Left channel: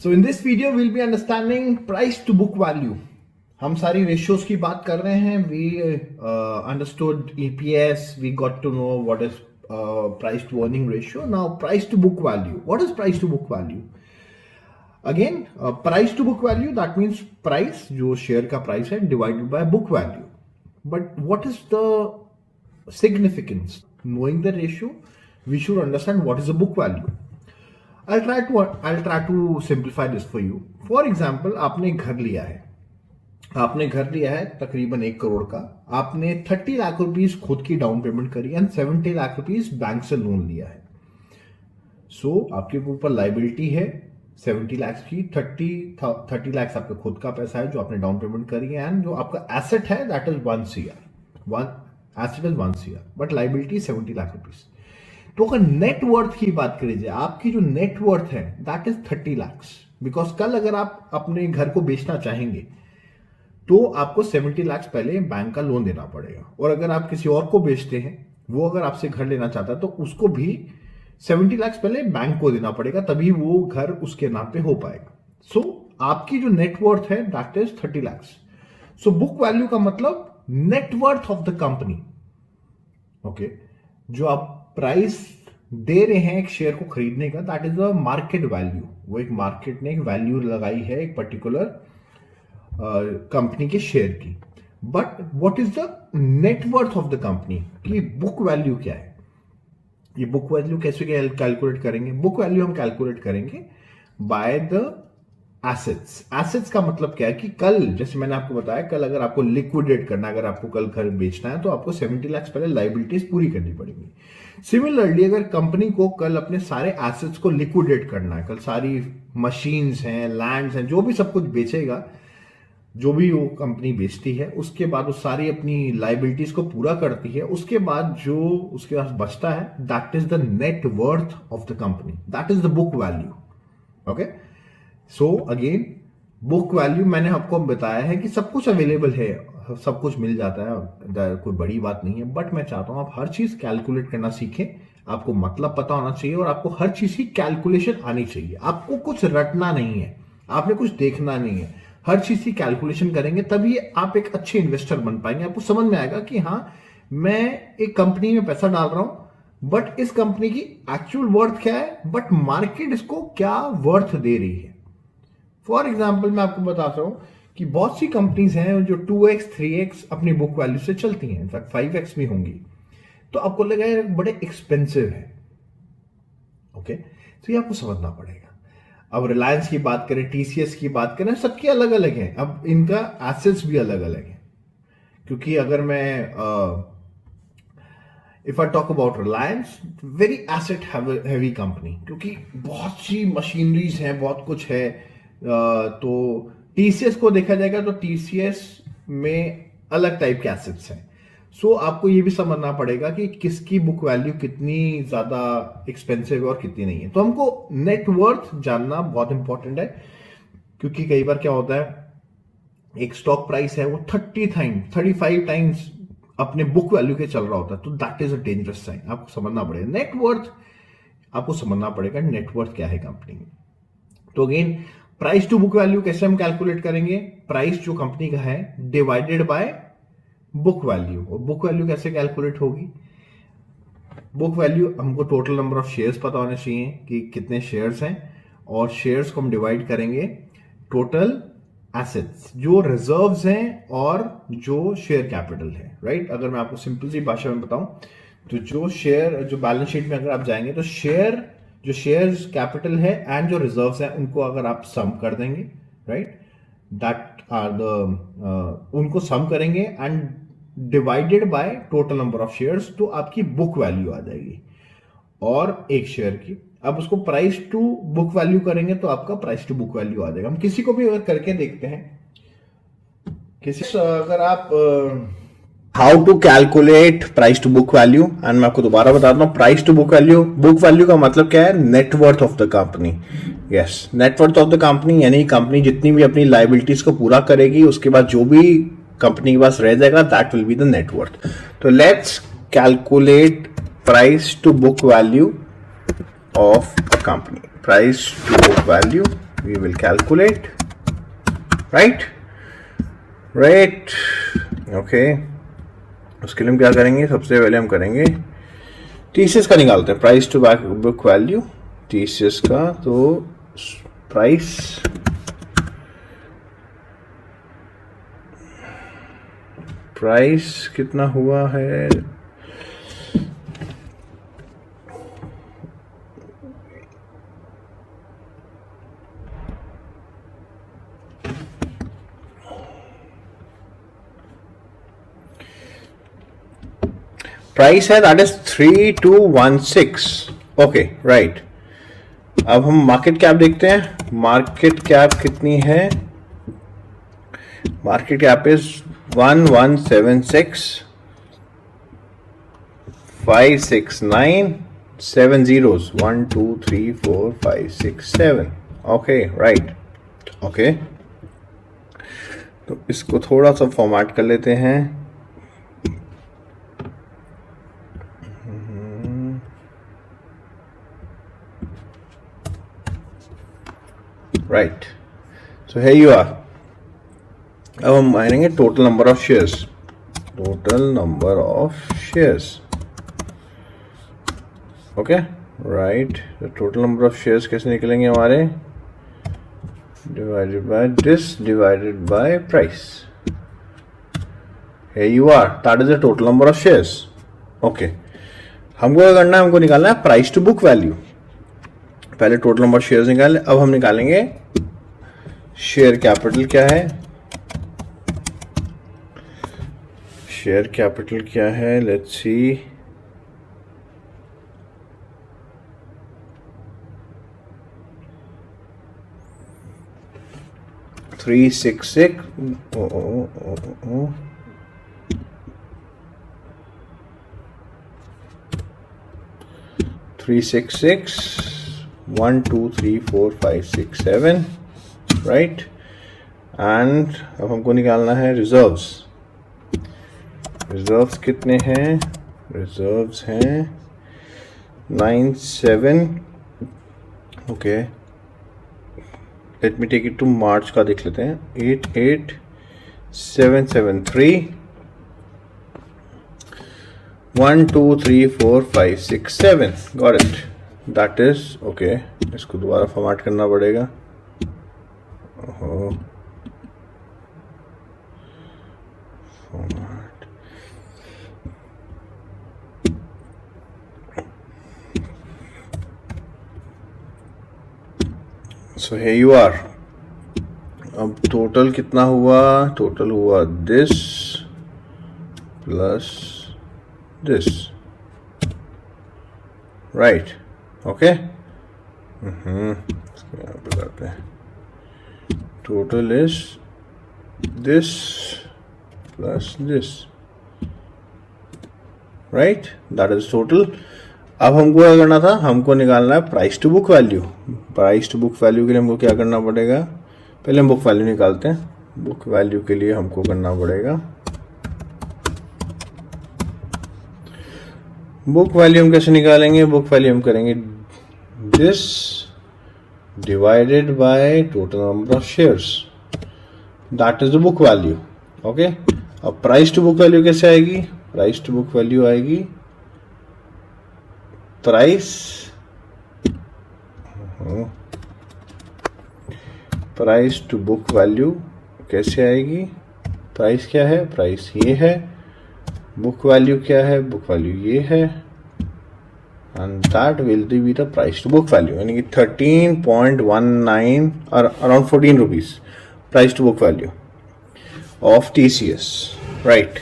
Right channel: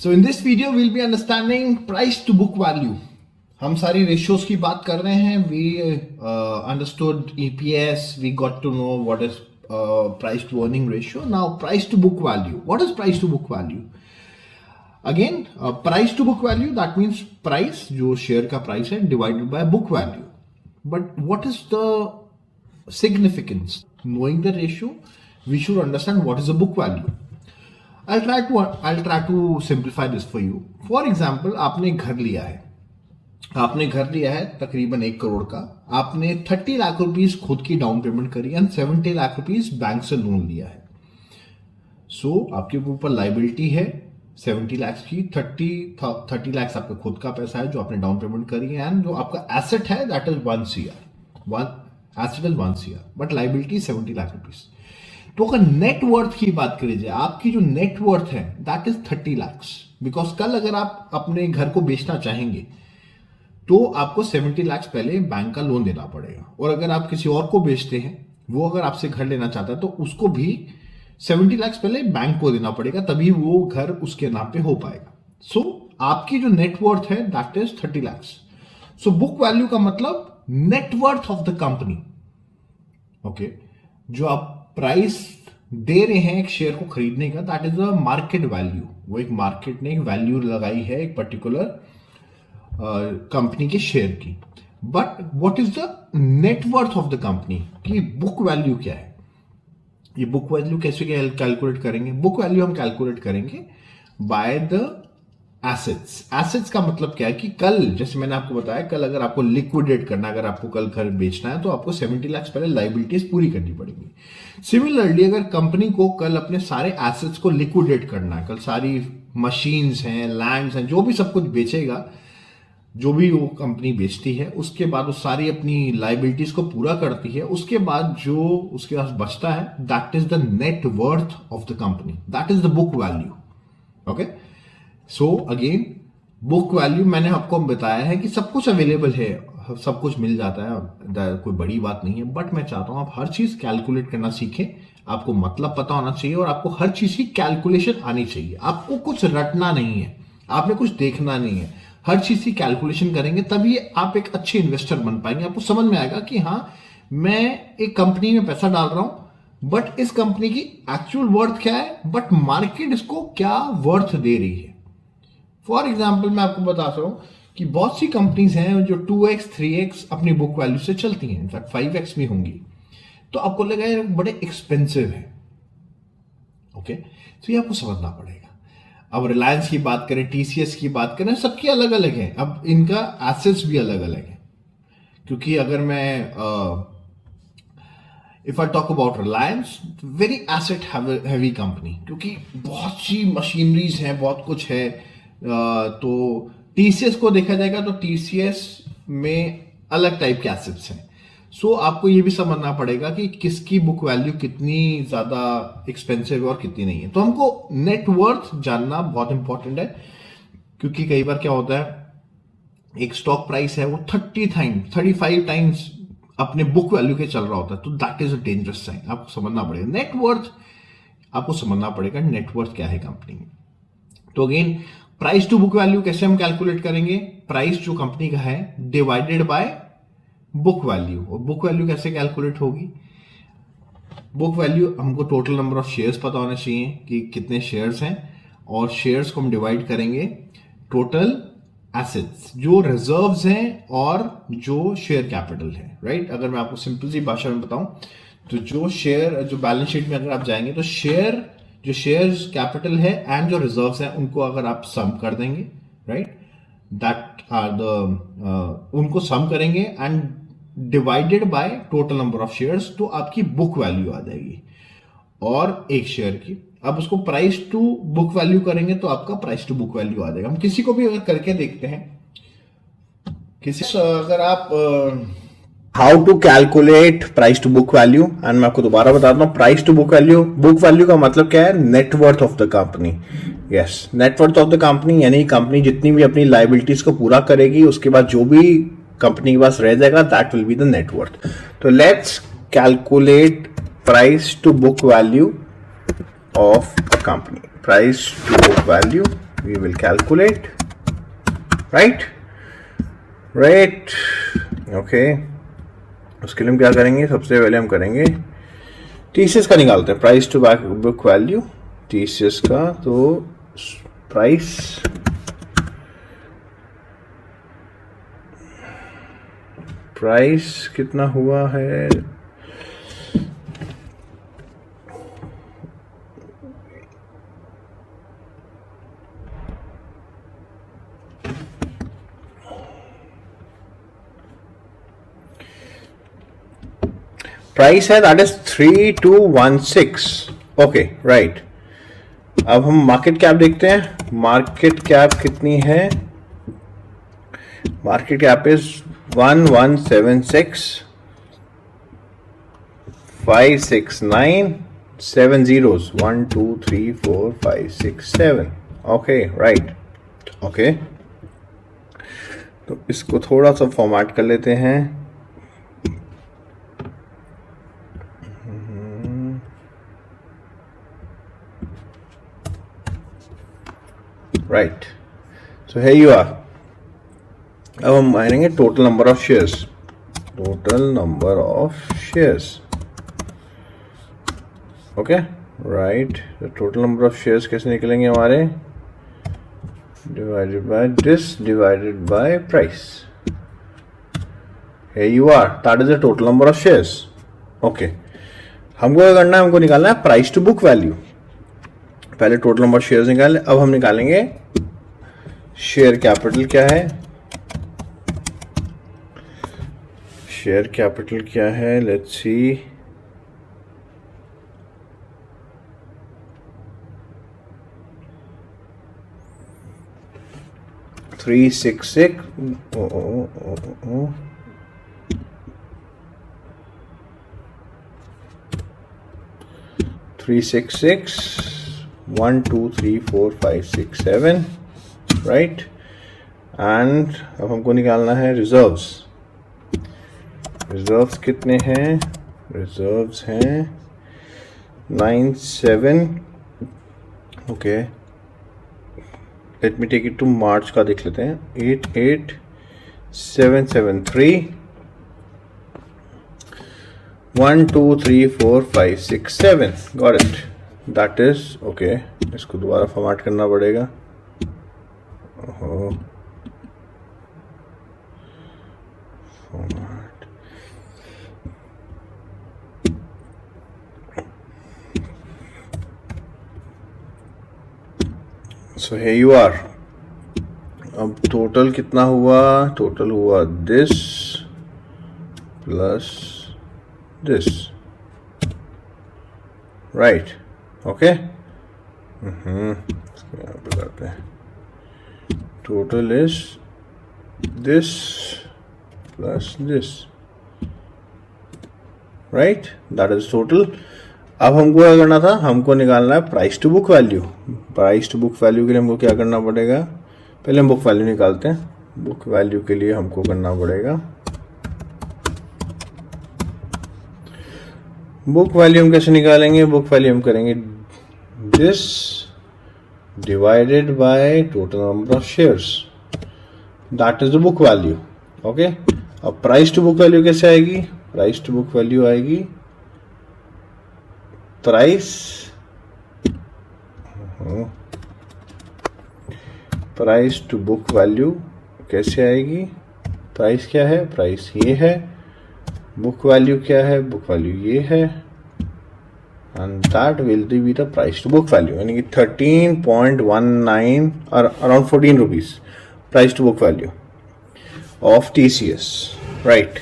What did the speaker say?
So in this video we'll be understanding price to book value. हम सारी ratios की बात कर रहे हैं. We understood EPS. We got to know what is price to earning ratio. Now price to book value. What is price to book value? Again, price to book value, that means price जो share का price है divided by book value. But what is the significance? Knowing the ratio, we should understand what is the book value. I'll try to simplify this for you. For example, आपने घर लिया है तकरीबन 1 करोड़ का. आपने 30 lakh rupees खुद की डाउन पेमेंट करी एंड 70 लाख रुपीस बैंक से लोन लिया है. सो आपके ऊपर लाइबिलिटी है 70 लाख की. 30 लाख आपका खुद का पैसा है जो आपने डाउन पेमेंट करी है एंड जो आपका एसेट है that is 1 CR. Asset is 1 CR but liability 70 lakh rupees. तो अगर नेट वर्थ की बात करी जाए, आपकी जो नेट वर्थ है दैट इज 30 लाख. बिकॉज कल अगर आप अपने घर को बेचना चाहेंगे तो आपको 70 लाख पहले बैंक का लोन देना पड़ेगा. और अगर आप किसी और को बेचते हैं, वो अगर आपसे घर लेना चाहता है तो उसको भी 70 लाख पहले बैंक को देना पड़ेगा, तभी वो घर उसके नाम पे हो पाएगा. सो आपकी जो नेट वर्थ है that is 30 lakh. So book value का मतलब net worth of the company. Okay, जो आप प्राइस दे रहे हैं एक शेयर को खरीदने का that is a market value. वो एक मार्केट ने एक वैल्यू लगाई है एक पर्टिकुलर कंपनी की शेयर की. But what is the net worth of the company की बुक वैल्यू क्या है? ये बुक वैल्यू कैसे कैलकुलेट करेंगे? बुक वैल्यू हम कैलकुलेट करेंगे बाय द एसेट्स. एसेट्स का मतलब क्या है कि कल, जैसे मैंने आपको बताया, कल अगर आपको लिक्विडेट करना, अगर आपको कल घर बेचना है तो आपको 70 लाख पहले लाइबिलिटीज पूरी करनी पड़ेगी. सिमिलरली अगर कंपनी को कल अपने सारे एसेट्स को लिक्विडेट करना है, कल सारी मशीन्स हैं, लैंड्स हैं, जो भी सब कुछ बेचेगा, जो भी वो कंपनी बेचती है, उसके बाद वो सारी अपनी लाइबिलिटीज को पूरा करती है, उसके बाद जो उसके पास बचता है that is the net worth of the company. That is the book value. Okay, so again book value मैंने आपको बताया है कि सब कुछ अवेलेबल है, सब कुछ मिल जाता है, कोई बड़ी बात नहीं है. बट मैं चाहता हूं आप हर चीज कैलकुलेट करना सीखें. आपको मतलब पता होना चाहिए और आपको हर चीज की कैलकुलेशन आनी चाहिए. आपको कुछ रटना नहीं है, आपने कुछ देखना नहीं है. हर चीज की कैलकुलेशन करेंगे तभी आप एक अच्छे इन्वेस्टर बन पाएंगे. आपको समझ में आएगा कि हाँ, मैं एक कंपनी में पैसा डाल रहा हूं बट इस कंपनी की एक्चुअल वर्थ क्या है, बट मार्केट इसको क्या वर्थ दे रही है. फॉर एग्जाम्पल मैं आपको बताता हूं कि बहुत सी कंपनीज हैं जो 2x 3x अपनी बुक वैल्यू से चलती हैं, इनफैक्ट 5x में होंगी. तो आपको लगा यार बड़े एक्सपेंसिव है. ओके, तो ये आपको समझना पड़ेगा. अब रिलायंस की बात करें, TCS की बात करें, सबकी अलग अलग है. अब इनका एसेट्स भी अलग अलग है. क्योंकि अगर मैं if I talk about Reliance, very asset heavy company, क्योंकि बहुत सी मशीनरीज हैं, बहुत कुछ है. तो TCS को देखा जाएगा तो TCS में अलग टाइप के एसेट्स हैं. सो आपको ये भी समझना पड़ेगा कि किसकी बुक वैल्यू कितनी ज्यादा एक्सपेंसिव है और कितनी नहीं है. तो हमको नेट वर्थ जानना बहुत इंपॉर्टेंट है, क्योंकि कई बार क्या होता है, एक स्टॉक प्राइस है वो 35 टाइम्स अपने बुक वैल्यू के चल रहा होता है, तो that is a dangerous sign. आपको समझना पड़ेगा नेट वर्थ. आपको समझना पड़ेगा नेट वर्थ क्या है कंपनी में. तो again price to book value कैसे हम कैलकुलेट करेंगे? प्राइस जो कंपनी का है डिवाइडेड बाय बुक वैल्यू. और बुक वैल्यू कैसे कैलकुलेट होगी? बुक वैल्यू हमको टोटल नंबर ऑफ शेयर्स पता होना चाहिए कि कितने शेयर्स हैं, और शेयर्स को हम डिवाइड करेंगे टोटल एसेट्स जो रिजर्व्स हैं और जो शेयर कैपिटल है. राइट, अगर मैं आपको सिंपल सी भाषा में बताऊं तो जो बैलेंस शीट में अगर आप जाएंगे तो जो शेयर्स कैपिटल है एंड जो रिजर्व्स हैं उनको अगर आप सम कर देंगे, राइट, दैट आर द उनको सम करेंगे and divided by total number of shares, तो आपकी बुक वैल्यू आ जाएगी और एक शेयर की. अब उसको प्राइस टू बुक वैल्यू करेंगे तो आपका प्राइस टू बुक वैल्यू आ जाएगा. हम किसी को भी अगर करके देखते हैं, अगर आप how to calculate price to book value, and मैं आपको दोबारा बता दूं, प्राइस टू बुक वैल्यू का मतलब क्या है? Net worth of the company. Yes, net worth of the company, यानी कंपनी जितनी भी अपनी लाइबिलिटीज को पूरा करेगी उसके बाद जो भी कंपनी के पास रह जाएगा that will be the net worth. तो let's calculate price to book value of a company. Price to book value we will calculate, right. Okay, उसके लिए हम क्या करेंगे, सबसे पहले हम करेंगे टीसीएस का निकालते हैं, price to book value TCS का। तो प्राइस कितना हुआ है, प्राइस है दैट इज 3216। Okay, right. अब हम मार्केट कैप देखते हैं। मार्केट कैप कितनी है, market cap is 1176,569,7 1 2 3 4 5 6 7। Okay, right. Okay, तो इसको थोड़ा सा फॉर्मेट कर लेते हैं। Right, so here you are। अब हम मानेंगे total number of shares, total number of shares. Okay, right. Total number of shares कैसे निकलेंगे हमारे, divided by this divided by price. here you are, that is the total number of shares। Okay, हमको क्या करना है, हमको निकालना है प्राइस टू बुक वैल्यू। पहले टोटल नंबर शेयर्स निकाले, अब हम निकालेंगे शेयर कैपिटल क्या है, शेयर कैपिटल क्या है, let's see. Three six six 1 2 3 4 5 6 7, right. And अब हमको निकालना है रिजर्व्स। रिजर्व्स कितने हैं, रिजर्व्स हैं 9 7। Okay, let me take it to March का देख लेते हैं। 88773 1 2 3 4 5 6 7, got it. That is okay. इसको दोबारा फॉर्मेट करना पड़ेगा। So here you are। अब टोटल कितना हुआ, टोटल हुआ this plus this, right. Okay, यहाँ पे करते हैं, total is this plus this, right, that is total. अब हमको क्या करना था, हमको निकालना है price to book value. Price to book value के लिए हमको क्या करना पड़ेगा, पहले हम बुक वैल्यू निकालते हैं। बुक वैल्यू के लिए हमको करना पड़ेगा, बुक वैल्यू हम कैसे निकालेंगे, बुक वैल्यू हम करेंगे this divided by total number of shares, that is the book value. Okay, अब प्राइस टू बुक वैल्यू कैसे आएगी, प्राइस टू बुक वैल्यू आएगी प्राइस टू बुक वैल्यू कैसे आएगी, प्राइस क्या है, प्राइस ये है, बुक वैल्यू क्या है, बुक वैल्यू ये है, and that will be the price to book value, यानी कि 13.19 और around 14 rupees price to book value of TCS, right.